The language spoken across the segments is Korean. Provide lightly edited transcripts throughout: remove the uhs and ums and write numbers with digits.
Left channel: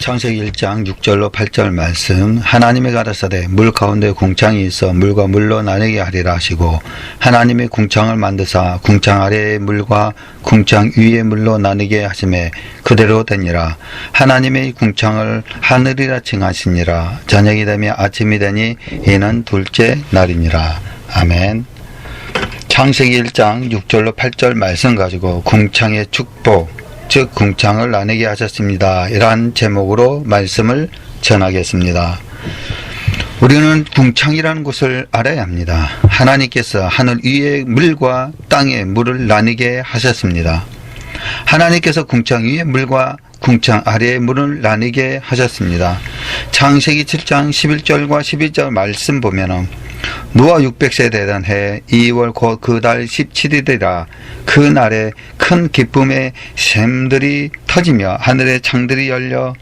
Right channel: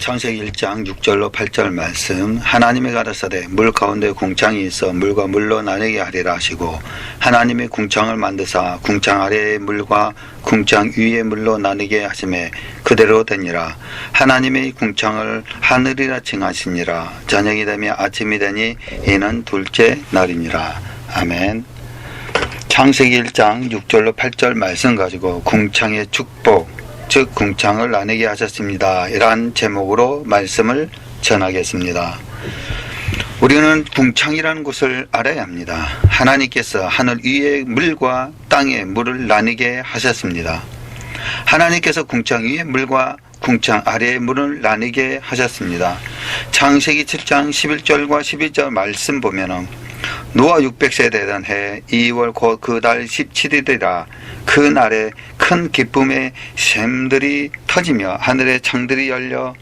창세기 1장 6절로 8절 말씀. 하나님이 가라사대 물 가운데 궁창이 있어 물과 물로 나뉘게 하리라 하시고 하나님이 궁창을 만드사 궁창 아래의 물과 궁창 위의 물로 나뉘게 하시매 그대로 되니라. 하나님의 궁창을 하늘이라 칭하시니라. 저녁이 되며 아침이 되니 이는 둘째 날이니라. 아멘. 창세기 1장 6절로 8절 말씀 가지고 궁창의 축복, 즉 궁창을 나누게 하셨습니다. 이러한 제목으로 말씀을 전하겠습니다. 우리는 궁창이라는 것을 알아야 합니다. 하나님께서 하늘 위의 물과 땅의 물을 나누게 하셨습니다. 하나님께서 궁창 위의 물과 궁창 아래의 물을 나누게 하셨습니다. 창세기 7장 11절과 12절 말씀 보면은 노아 600세 되던 해 2월 곧 그 달 17일이라 그 날에 큰 기쁨의 샘들이 터지며 하늘의 창들이 열려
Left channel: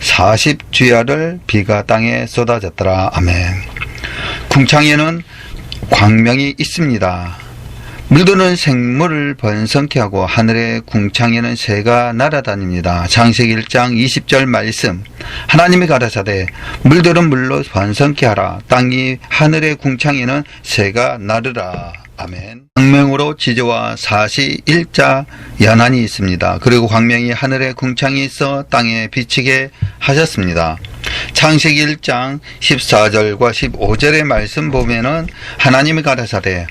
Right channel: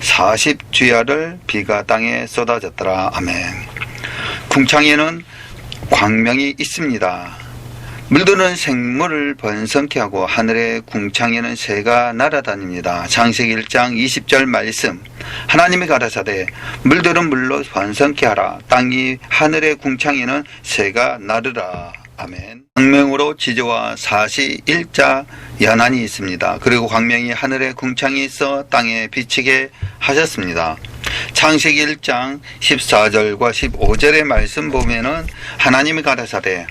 40주야를 비가 땅에 쏟아졌더라. 아멘. 궁창에는 광명이 있습니다. 물들은 생물을 번성케 하고 하늘의 궁창에는 새가 날아다닙니다. 창세기 1장 20절 말씀. 하나님이 가라사대 물들은 물로 번성케 하라. 땅이 하늘의 궁창에는 새가 나르라. 아멘. 광명으로 지저와 사시 일자 연한이 있습니다. 그리고 광명이 하늘의 궁창이 있어 땅에 비치게 하셨습니다. 창세기 1장 14절과 15절의 말씀 보면은 하나님이 가라사대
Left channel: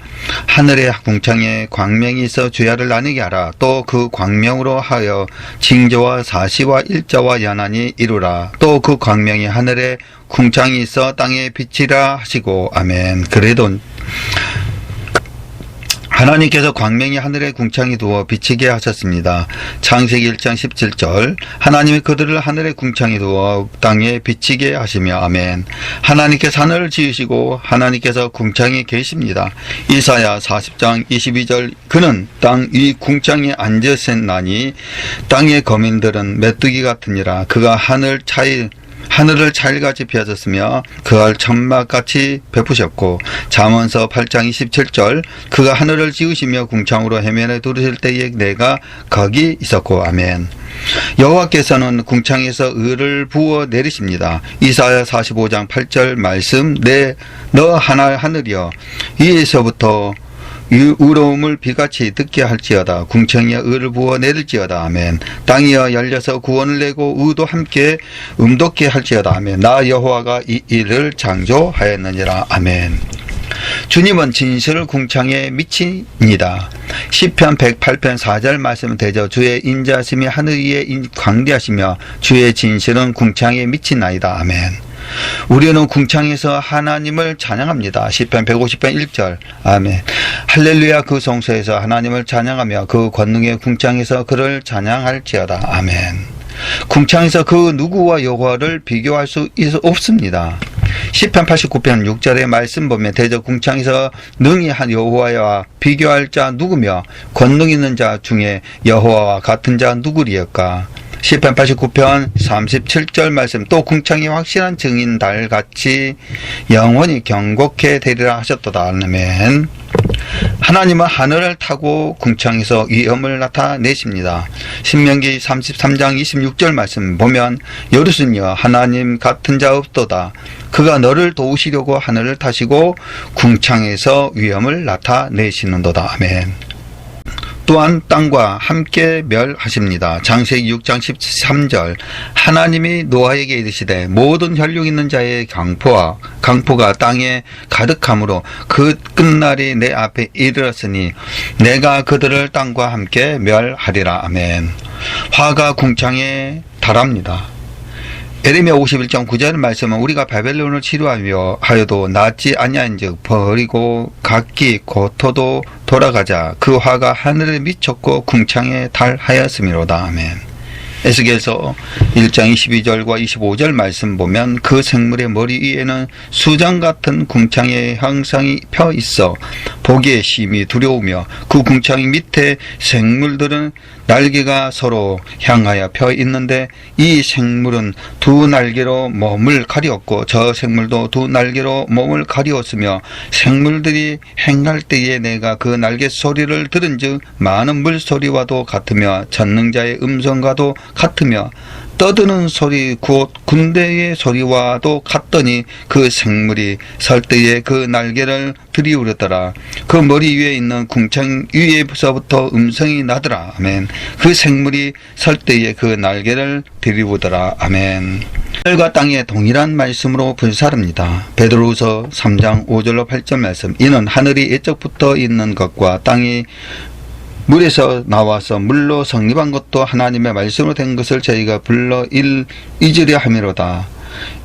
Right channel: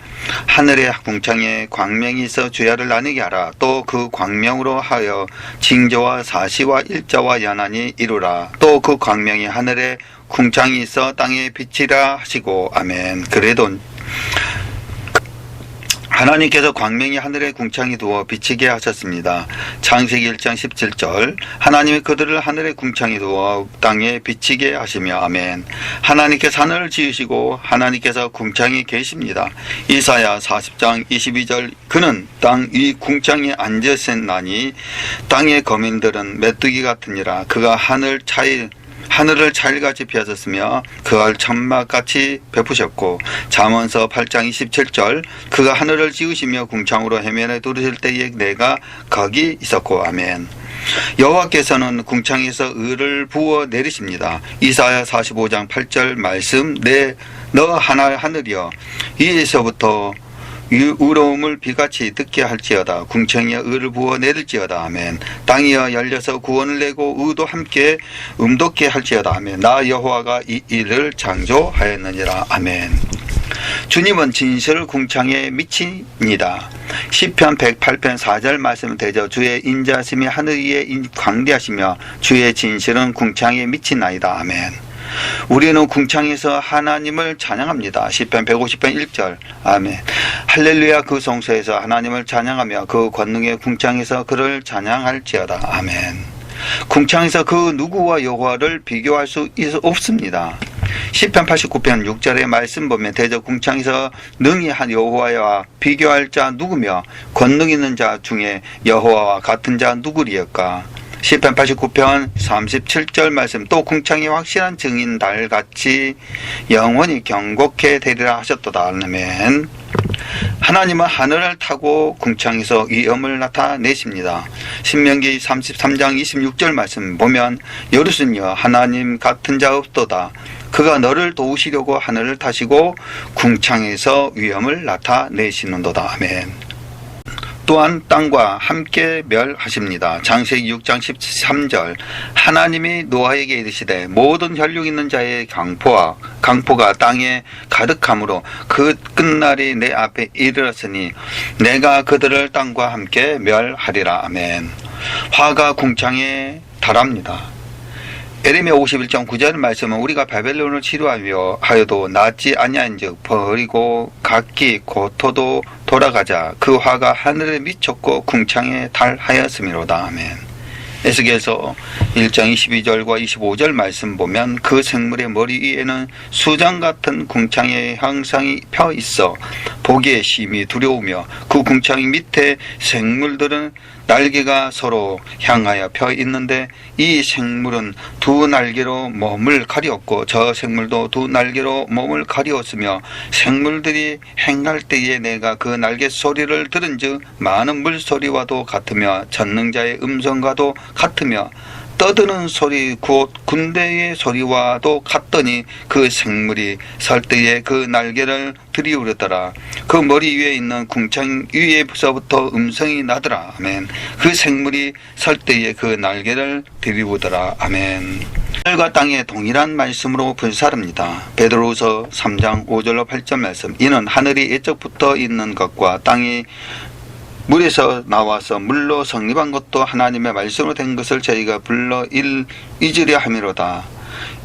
하늘의 궁창에 광명이 있어 주야를 나누게 하라. 또 그 광명으로 하여 징조와 사시와 일자와 연한이 이루라. 또 그 광명이 하늘의 궁창이 있어 땅에 비치라 하시고. 아멘. 그래도 하나님께서 광명이 하늘의 궁창에 두어 비치게 하셨습니다. 창세기 1장 17절 하나님이 그들을 하늘의 궁창에 두어 땅에 비치게 하시며. 아멘. 하나님께서 하늘을 지으시고 하나님께서 궁창에 계십니다. 이사야 40장 22절 그는 땅 위 궁창에 앉으셨나니 땅의 거민들은 메뚜기 같으니라. 그가 하늘을 차일같이 펴졌으며 그알 천막같이 베푸셨고. 잠언서 8장 27절 그가 하늘을 지으시며 궁창으로 해면에 두르실 때에 내가 거기 있었고. 아멘. 여호와께서는 궁창에서 을을 부어 내리십니다. 이사야 45장 8절 말씀. 너 하늘이여 위에서부터 의로움을 비같이 듣게 할지어다. 궁창이여 을을 부어 내릴지어다. 아멘. 땅이여 열려서 구원을 내고 의도 함께 음돋게 할지어다. 아멘. 나 여호와가 이 일을 창조하였느니라. 아멘. 주님은 진실 궁창에 미칩니다. 시편 108편 4절 말씀은 되죠. 주의 인자심이 하늘 위에 광대하시며 주의 진실은 궁창에 미치나이다. 아멘. 우리는 궁창에서 하나님을 찬양합니다. 시편 150편 1절. 아멘. 할렐루야. 그 성소에서 하나님을 찬양하며 그 권능의 궁창에서 그를 찬양할지어다. 아멘. 궁창에서 그 누구와 여호와를 비교할 수 없습니다. 시편 89편 6절의 말씀 보면 대저 궁창에서 능히 한 여호와와 비교할 자 누구며 권능 있는 자 중에 여호와와 같은 자 누구리였까. 시편 89편 37절 말씀. 또 궁창이 확실한 증인 달같이 영원히 경고케 되리라 하셨도다. 아멘. 하나님은 하늘을 타고 궁창에서 위엄을 나타내십니다. 신명기 33장 26절 말씀 보면 여루스녀 하나님 같은 자 없도다. 그가 너를 도우시려고 하늘을 타시고 궁창에서 위엄을 나타내시는도다. 아멘. 또한 땅과 함께 멸하십니다. 창세기 6장 13절 하나님이 노아에게 이르시되 모든 혈육 있는 자의 강포가 땅에 가득함으로 그 끝날이 내 앞에 이르렀으니 내가 그들을 땅과 함께 멸하리라. 아멘. 화가 궁창에 달합니다. 에레미야 51장 9절 말씀은 우리가 바벨론을 치루하여도 낫지 아니한즉 버리고 각기 고토도 돌아가자. 그 화가 하늘에 미쳤고 궁창에 달하였음이로다. 아멘. 에스겔서 1장 22절과 25절 말씀 보면 그 생물의 머리 위에는 수정 같은 궁창의 형상이 펴 있어 보기에 심히 두려우며 그 궁창 밑에 생물들은 날개가 서로 향하여 펴 있는데 이 생물은 두 날개로 몸을 가리었고 저 생물도 두 날개로 몸을 가리었으며 생물들이 행할 때에 내가 그 날개 소리를 들은즉 많은 물소리와도 같으며 전능자의 음성과도 같으며 떠드는 소리 곧 군대의 소리와도 같더니 그 생물이 설 때에 그 날개를 들이우렸더라. 그 머리 위에 있는 궁창 위에서부터 음성이 나더라. 아멘. 그 생물이 설 때에 그 날개를 들이우더라. 아멘. 하늘과 땅의 동일한 말씀으로 불사릅니다. 베드로후서 3장 5절로 8절 말씀. 이는 하늘이 예적부터 있는 것과 땅이 물에서 나와서 물로 성립한 것도 하나님의 말씀으로 된 것을 저희가 불러 잊으려 함이로다.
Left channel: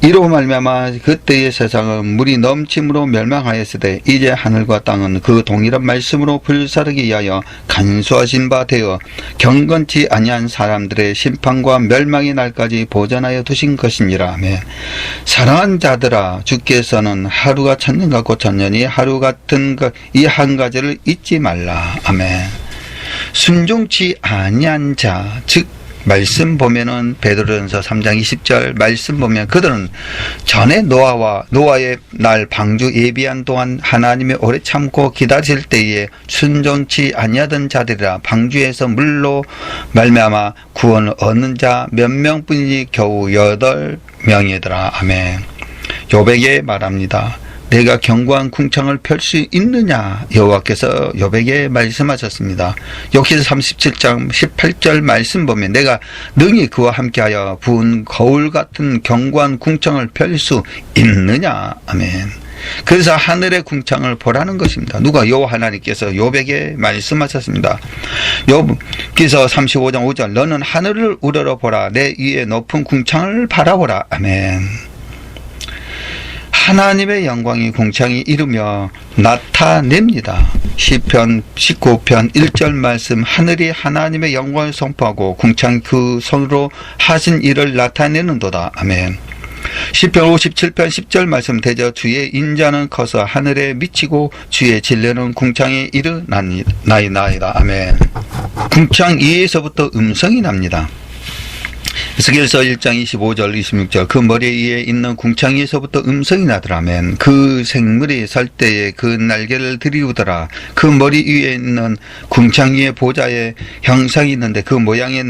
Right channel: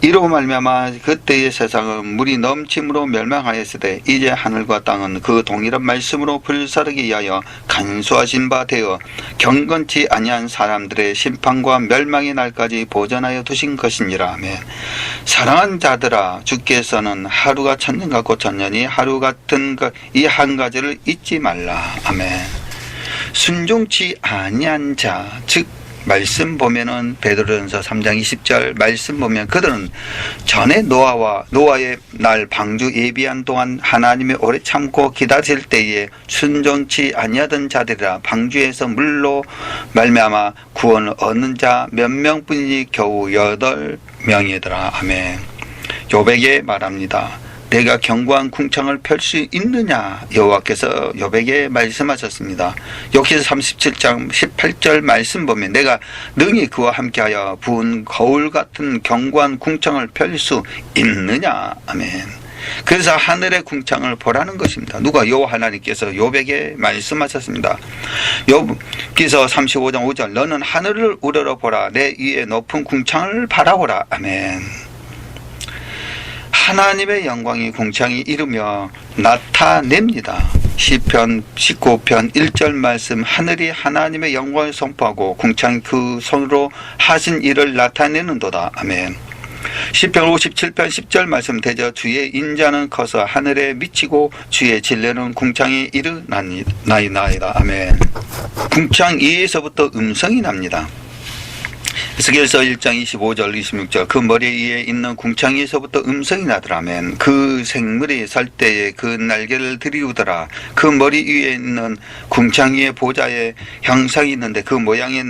이로 말미암아 그때의 세상은 물이 넘침으로 멸망하였으되 이제 하늘과 땅은 그 동일한 말씀으로 불사르기 위하여 간수하신 바 되어 경건치 아니한 사람들의 심판과 멸망의 날까지 보전하여 두신 것이니라. 아멘. 사랑하는 자들아, 주께서는 하루가 천년 같고 천년이 하루 같은 이 한 가지를 잊지 말라. 아멘. 순종치 아니한 자, 즉 말씀 보면은 베드로전서 3장 20절 말씀 보면 그들은 전에 노아의 날 방주 예비한 동안 하나님이 오래 참고 기다릴 때에 순종치 아니하던 자들이라. 방주에서 물로 말미암아 구원을 얻는 자 몇 명뿐이니 겨우 8명이더라. 아멘. 욥에게 말합니다. 내가 견고한 궁창을 펼 수 있느냐? 여호와께서 욥에게 말씀하셨습니다. 욥기서 37장 18절 말씀 보면 내가 능히 그와 함께하여 부은 거울 같은 견고한 궁창을 펼 수 있느냐? 아멘. 그래서 하늘의 궁창을 보라는 것입니다. 누가? 여호와 하나님께서 욥에게 말씀하셨습니다. 욥기서 35장 5절 너는 하늘을 우러러 보라. 내 위에 높은 궁창을 바라보라. 아멘. 하나님의 영광이 궁창이 이루며 나타냅니다. 시편 19편 1절 말씀. 하늘이 하나님의 영광을 선포하고 궁창이 그 손으로 하신 일을 나타내는도다. 아멘. 시편 57편 10절 말씀. 대저 주의 인자는 커서 하늘에 미치고 주의 진례는 궁창에 이르나이다. 아멘. 궁창 위에서부터 음성이 납니다. 에스겔서 1장 25절 26절 그 머리 위에 있는 궁창에서부터 음성이 나더라. 아멘. 그 생물이 설 때에 그 날개를 들이우더라. 그 머리 위에 있는 궁창 위에 보좌의 형상이 있는데 그 모양의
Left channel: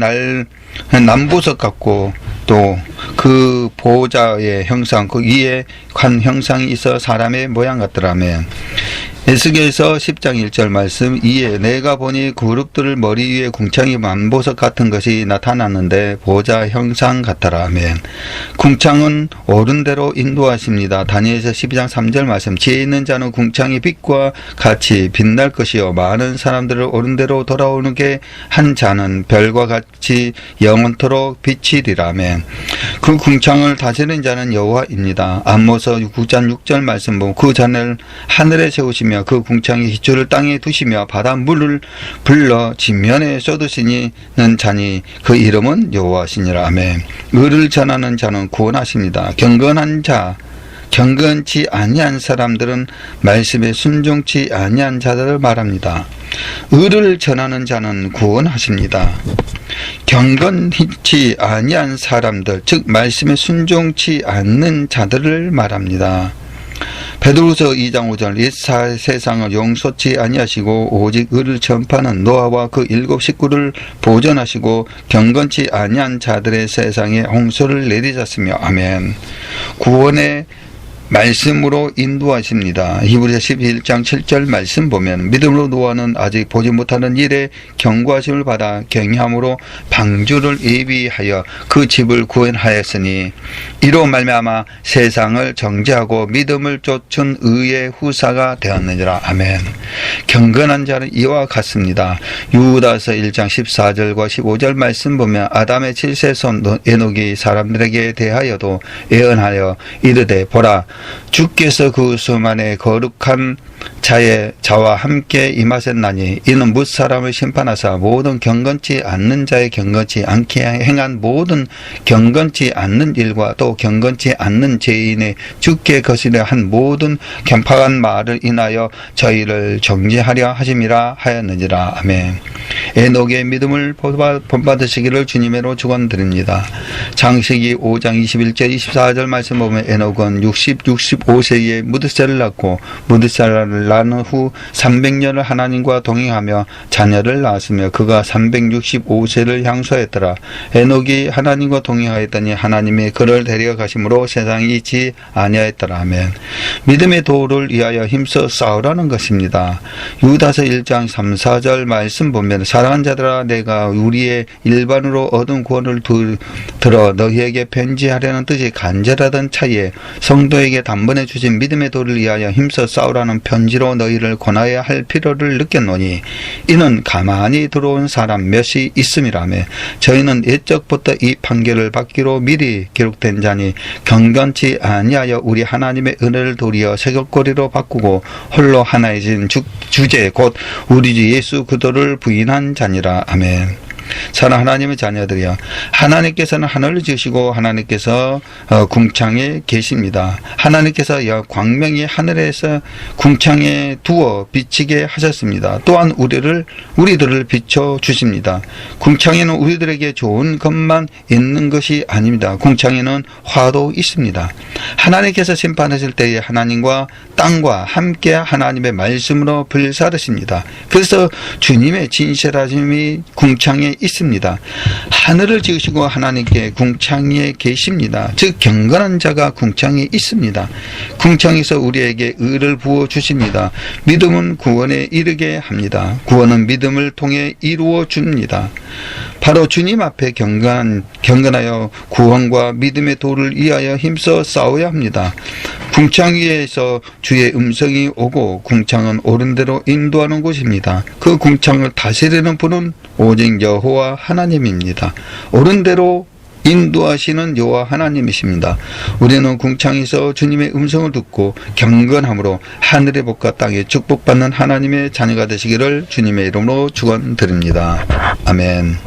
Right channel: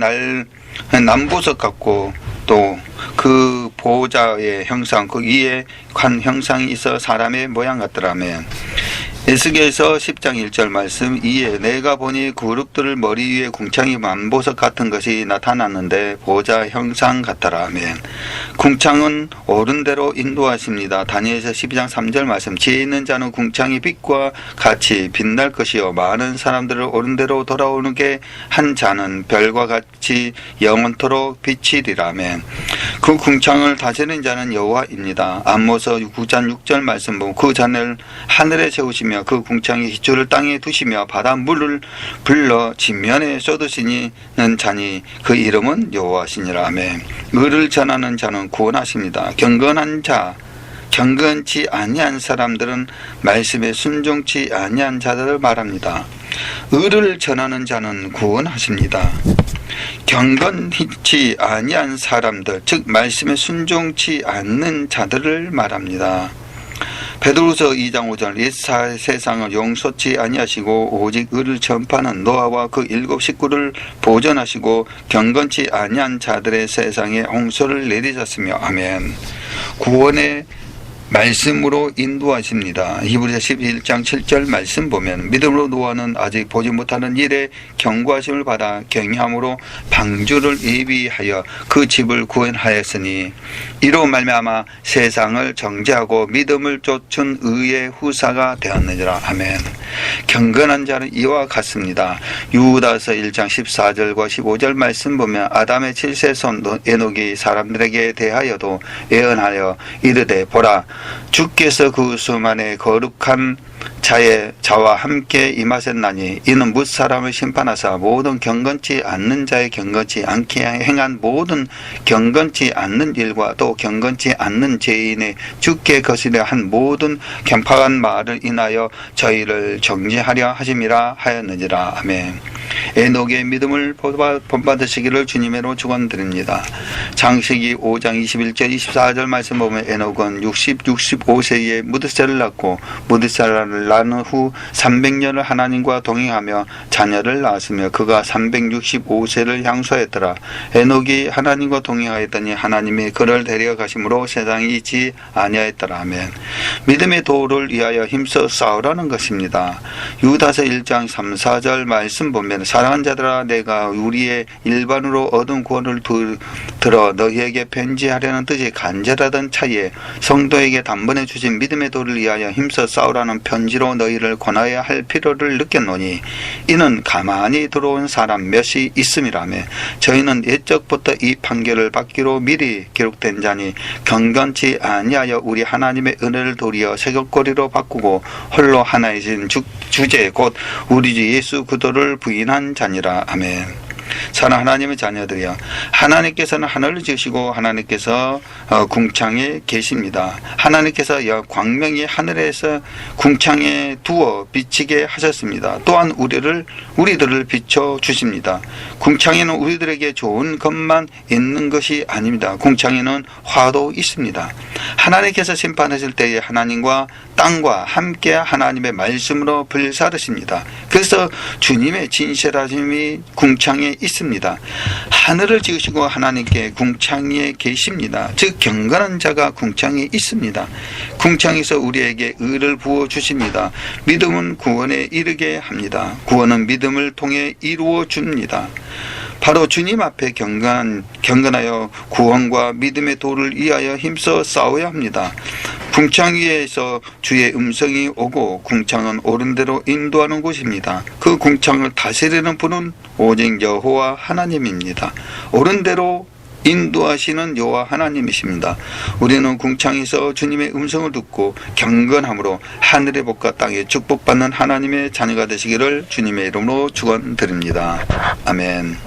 남보석 같고 또 그 보좌의 형상 그 위에 관 형상이 있어 사람의 모양 같더라. 아멘. 에스겔서 10장 1절 말씀. 이에 내가 보니 그룹들을 머리 위에 궁창이 만보석 같은 것이 나타났는데 보좌 형상 같더라. 아멘. 궁창은 옳은 대로 인도하십니다. 다니엘서 12장 3절 말씀. 지혜 있는 자는 궁창의 빛과 같이 빛날 것이요 많은 사람들을 옳은 대로 돌아오게 한 자는 별과 같이 영원토록 비치리라. 아멘. 그 궁창을 다스리는 자는 여호와입니다. 아모스 9장 6절 말씀 보면 그 잔을 하늘에 세우시며 그 궁창의 기초를 땅에 두시며 바닷물을 불러 지면에 쏟으시는 자니 그 이름은 여호와시니라. 아멘. 의를 전하는 자는 구원하십니다. 경건한 자, 경건치 아니한 사람들은 말씀에 순종치 아니한 자들을 말합니다. 의를 전하는 자는 구원하십니다. 경건치 아니한 사람들, 즉 말씀에 순종치 않는 자들을 말합니다. 베드로후서 2장 5절 옛 세상을 용서치 아니하시고 오직 의를 전파하는 노아와 그 7 식구를 보존하시고 경건치 아니한 자들의 세상에 홍수를 내리셨으며. 아멘. 구원의 말씀으로 인도하십니다. 히브리서 11장 7절 말씀 보면 믿음으로 노아는 아직 보지 못하는 일에 경고하심을 받아 경외함으로 방주를 예비하여 그 집을 구원하였으니 이로 말미암아 세상을 정죄하고 믿음을 쫓은 의의 후사가 되었느니라. 아멘. 경건한 자는 이와 같습니다. 유다서 1장 14절과 15절 말씀 보면 아담의 7세손 에녹이 사람들에게 대하여도 예언하여 이르되 보라 주께서 그 수만의 거룩한 자와 함께 임하셨나니 이는 뭇사람을 심판하사 모든 경건치 않는 자의 경건치 않게 행한 모든 경건치 않는 일과 또 경건치 않는 죄인의 주께 거스려 한 모든 편파한 말을 인하여 저희를 정죄하려 하심이라 하였느니라. 아멘. 에녹의 믿음을 본받으시기를 주님으로 축원드립니다. 창세기 5장 21절 24절 말씀 보면 에녹은 65세에 무드셀을 낳고 무드셀라는 낳은 후 300년을 하나님과 동행하며 자녀를 낳았으며 그가 365세를 향수하였더라. 에녹이 하나님과 동행하였더니 하나님이 그를 데려가심으로 세상이 있지 아니하였더라. 아멘. 믿음의 도를 위하여 힘써 싸우라는 것입니다. 유다서 1장 3, 4절 말씀 보면 사랑하는 자들아 내가 우리의 일반으로 얻은 구원을 들어 너희에게 편지하려는 뜻이 간절하던 차에 성도에게 단번에 주신 믿음의 도를 위하여 힘써 싸우라는 편지로 너희를 권하여야 할 필요를 느꼈노니 이는 가만히 들어온 사람 몇이 있음이라며 저희는 옛적부터 이 판결을 받기로 미리 기록된 자니 경건치 아니하여 우리 하나님의 은혜를 도리어 새벽거리로 바꾸고 홀로 하나이신 주제 곧 우리 주 예수 그리스도를 부인한 자니라. 아멘. 사랑하는 하나님의 자녀들이여, 하나님께서는 하늘을 지으시고 하나님께서 궁창에 계십니다. 하나님께서 광명이 하늘에서 궁창에 두어 비치게 하셨습니다. 또한 우리들을 비춰 주십니다. 궁창에는 우리들에게 좋은 것만 있는 것이 아닙니다. 궁창에는 화도 있습니다. 하나님께서 심판하실 때에 하나님과 땅과 함께 하나님의 말씀으로 불사르십니다. 그래서 주님의 진실하심이 궁창에 있습니다. 하늘을 지으시고 하나님께 궁창에 계십니다. 즉 경건한 자가 궁창에 있습니다. 궁창에서 우리에게 의를 부어 주십니다. 믿음은 구원에 이르게 합니다. 구원은 믿음을 통해 이루어 줍니다. 바로 주님 앞에 경건하여 구원과 믿음의 도를 위하여 힘써 싸워야 합니다. 궁창 위에서 주의 음성이 오고 궁창은 옳은 대로 인도하는 곳입니다. 그 궁창을 다스리는 분은 오직 여호와 하나님입니다. 옳은 대로 인도하시는 여호와 하나님이십니다. 우리는 궁창에서 주님의 음성을 듣고 경건함으로 하늘의 복과 땅의 축복받는 하나님의 자녀가 되시기를 주님의 이름으로 축원드립니다. 아멘.